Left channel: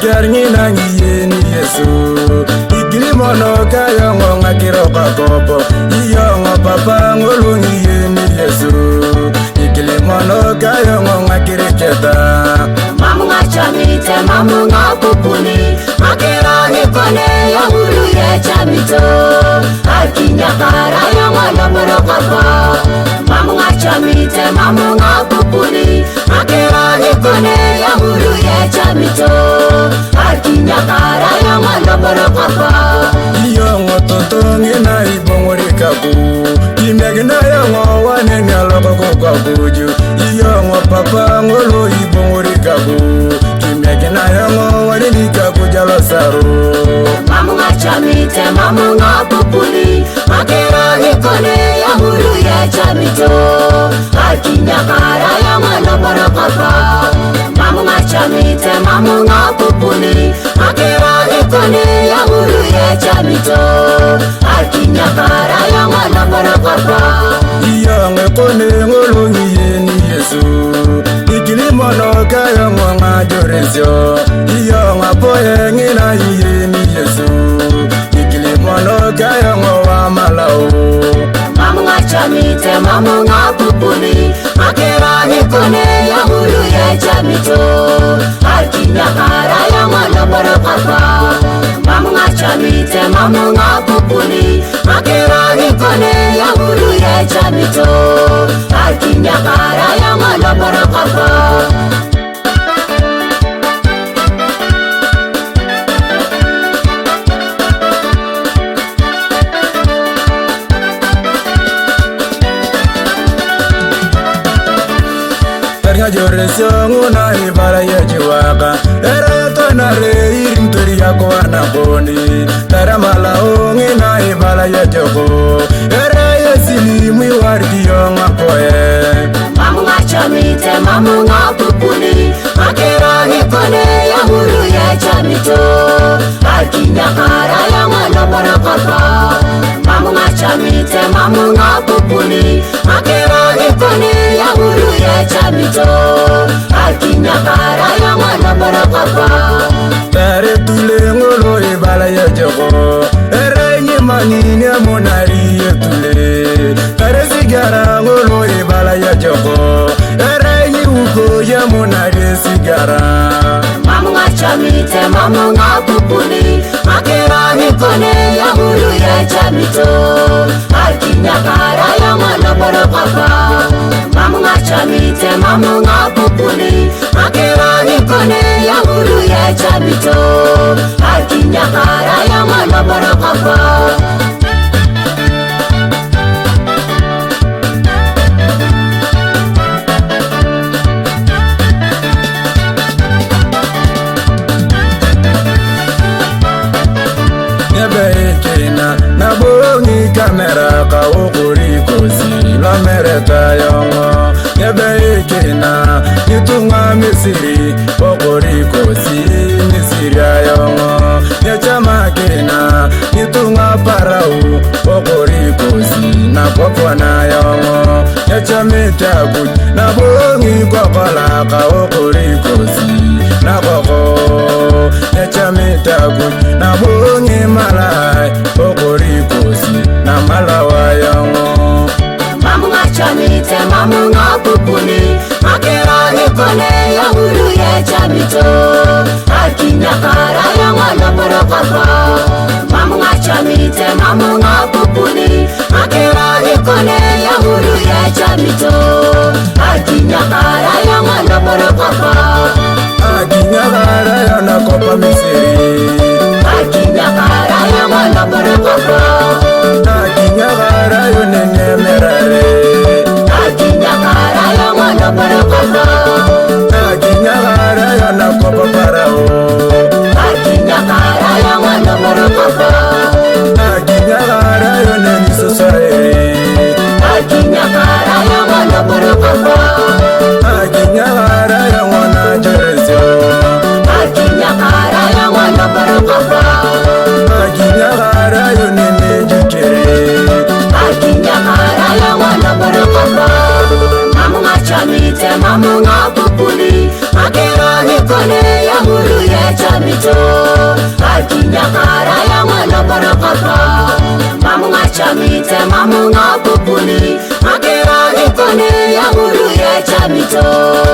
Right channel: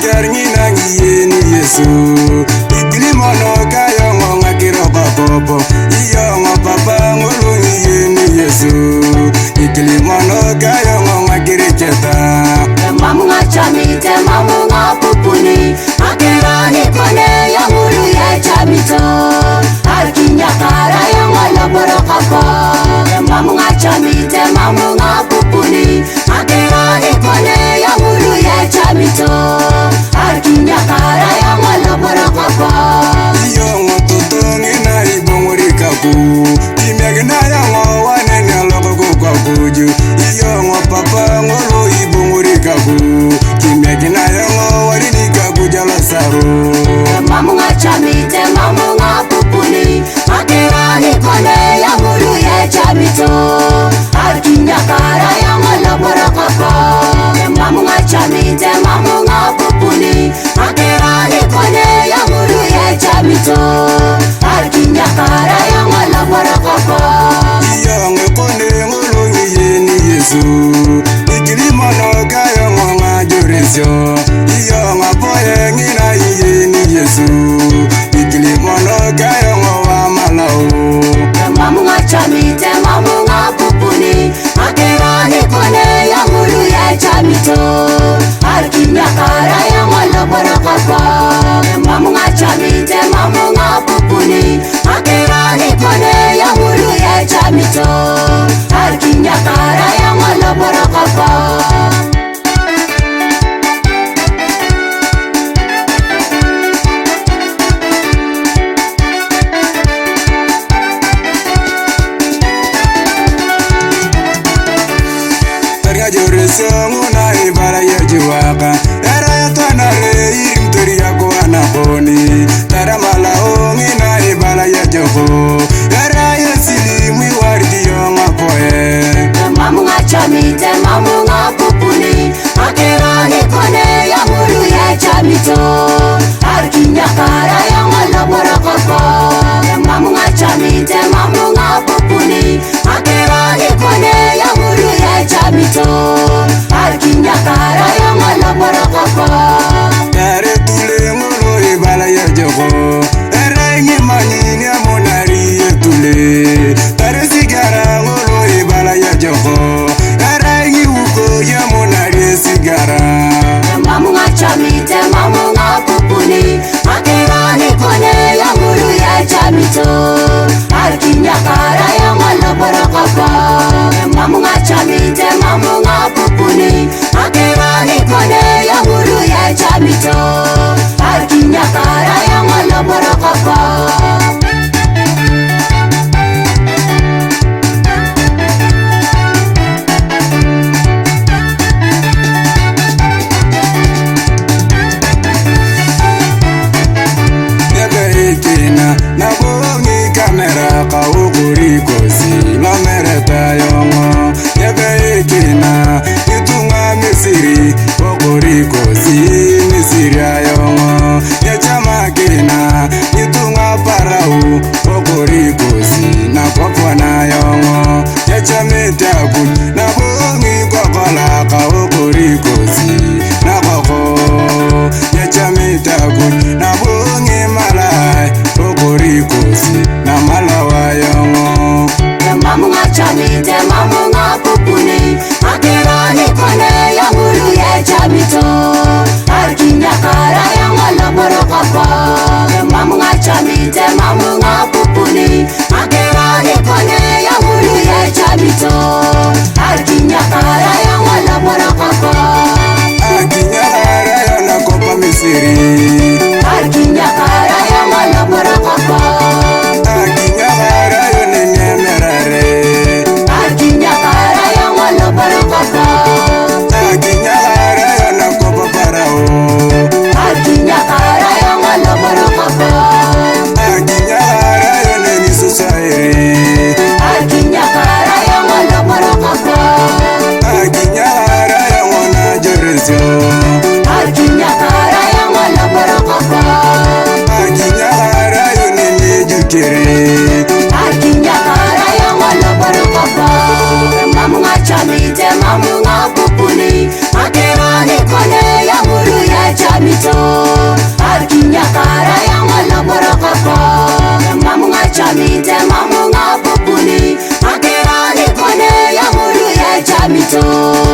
kerni nangi ni Yesu ikilimono kayo ngonga kiroka kopo iyongo papa ngolungi ni Yesu ikilimono kayo ngonga kiriketa mamunga chamite mamunga pupuni akirani kone ya mulu ya chamito akinyakara ya ngala barokapa mamunga chamite mamunga pupuni akirani kone ya mulu ya chamito akinyakara ya ngala barokapa iyongo totongi na ibongorikaku kimyagina ya ngowane nyaloko kukakuju iyongo papa ngolo ibongorikaku kimyagina ya ngowane nikaku jalosaru mamunga chamite mamunga pupuni akirani kone ya mulu ya chamito akinyakara ya ngala barokapa mamunga chamite mamunga pupuni akirani kone ya mulu ya chamito akinyakara ya ngala barokapa iyongo kone ngolungi ni Yesu ikilimono kayo ngonga joresyo iyongo apoye ngina ni Yesu ikilimono kayo ngowa malao mamunga chamite mamunga pupuni akirani kone ya mulu ya chamito akinyakara ya ngala barokapa mamunga chamite mamunga pupuni akirani kone ya mulu ya chamito akinyakara ya ngala barokapa Targa joresyo nguna ibala ya jiwaka era ya tonare irimtori ya kuwana koni tara malao ngina ibala ya joko era ya silimu wardi yo ngapoe mamunga chamite mamunga pupuni akirani kone ya mulu ya chamito akinyakara ya ngala barokapa mamunga chamite mamunga pupuni akirani kone ya mulu ya chamito akinyakara ya ngala barokapa tare tule ngolo ibala ya joko era ngimanyini amonari yetule tare sigara ngolo ibala ya joko era ngiuko ya monari sigara mamunga chamite mamunga pupuni akirani kone ya mulu ya chamito akinyakara ya ngala barokapa mamunga chamite mamunga pupuni akirani kone ya mulu ya chamito akinyakara ya ngala barokapa Ekina na bongi kamera ka okuri kosi la mereta yongo nyebe ekina nitunga misiri okuri kosi misiri ayongo nyechama kina nitunga parau okuri kosi na kopwana yongo nyechamita kuj na bongi kokola ka okuri kosi na koko nyechamita kuj na bongi malai okuri kosi na malawa yongo mamunga chamite mamunga pupuni akirani kone ya mulu ya chamito akinyakara ya ngala barokapa mamunga chamite mamunga pupuni akirani kone ya mulu ya chamito akinyakara ya ngala barokapa akinyakara ya nakopa misiri akinyakara ya ngala barokapa akinyakara yo nenyemerare akinyakara ya ngala barokapa akinyakara yo nakopa mamunga kupuni, akira ikone ya muru ye chamito.